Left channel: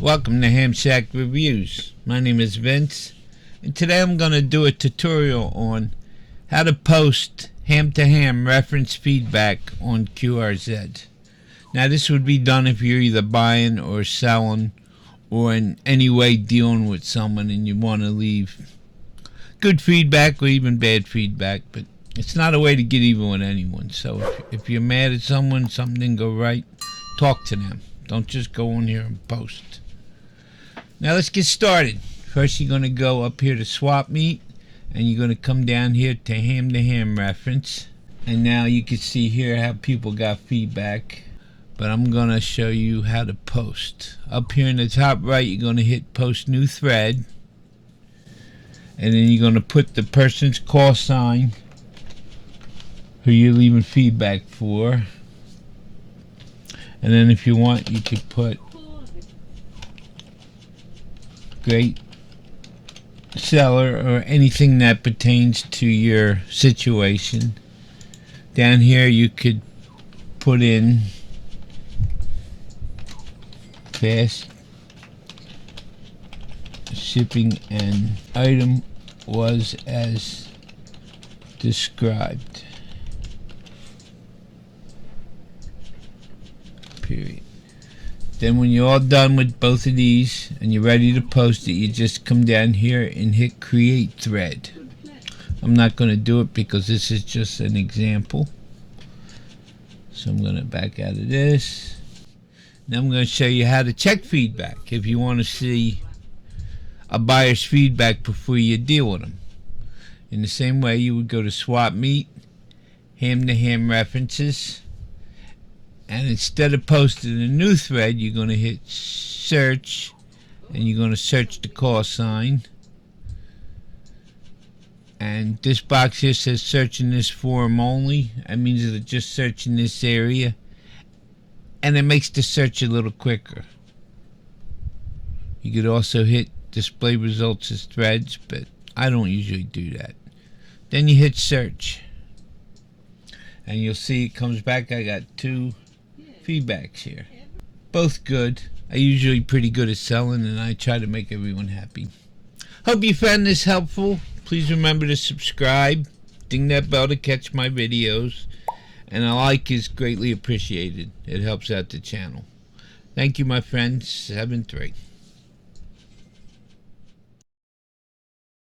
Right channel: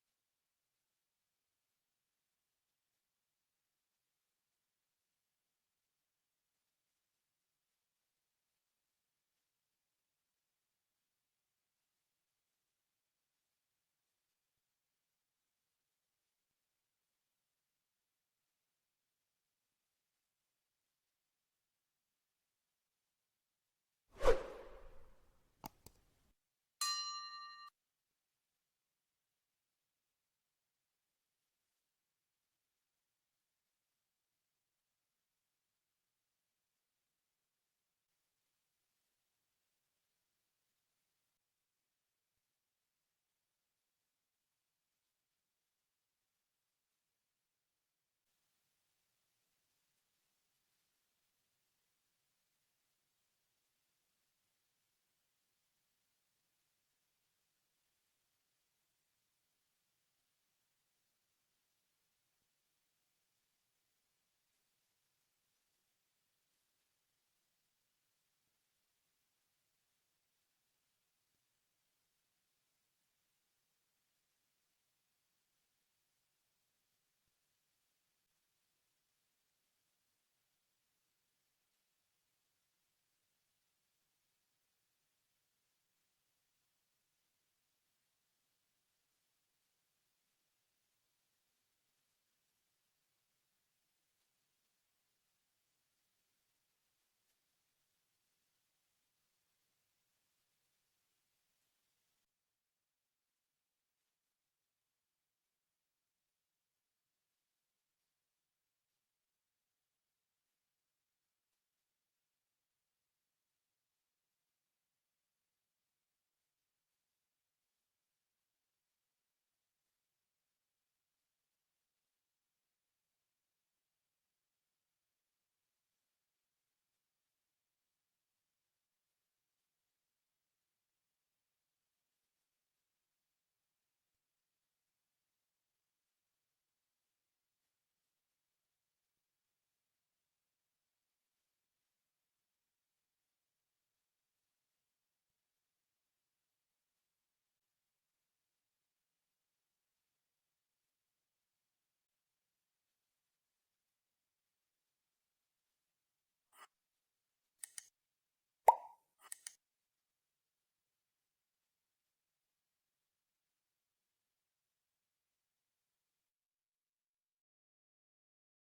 Welcome to Ham Shack Reviews. My name is Vince, and today I'm going to do a tutorial on how to post ham-to-ham reference feedback on QRZ. Now this would be done if you're either buying or selling or in any way dealing with someone and you want to leave good feedback or even bad feedback, but it's not a way to get even with anyone. So if you're mad at someone, something didn't go right, talk to them. Don't just go on here and post. Now let's get started. First you're going to go up here to swap meet and you're going to come down here to ham reference, and now you can see here how people got feedback, but I'm going to show you how to post. Up here in the top right you're going to hit post new thread, and then you're going to put the person's call sign who you're leaving feedback for, and then if you want you could put great seller or anything that pertains to your situation. Down here you could put in fast shipping and item was as described, period. Then when you're all done with both of these and you're ready to post it, you just come down here and hit create thread. I'm not going to do it because this is just an example. So I'm going to back out of this. Now I'm going to show you how to check feedback if you want to see a buyer's feedback before you deal with them. In the same way, you would go to swap meet, ham-to-ham references, and instead of posting a new thread, you're going to hit search, and you're going to search the call sign. And this box here says searching this forum only. That means it's just searching this area, and it makes the search a little quicker. You could also hit display results as threads, but I don't usually do that. Then you hit search, and you'll see it comes back. I got two feedbacks here, both good. I usually pretty good at selling, and I try to make everyone happy. Hope you found this helpful. Please remember to subscribe, ding that bell to catch my videos, and a like is greatly appreciated. It helps out the channel. Thank you, my friends. 7-3.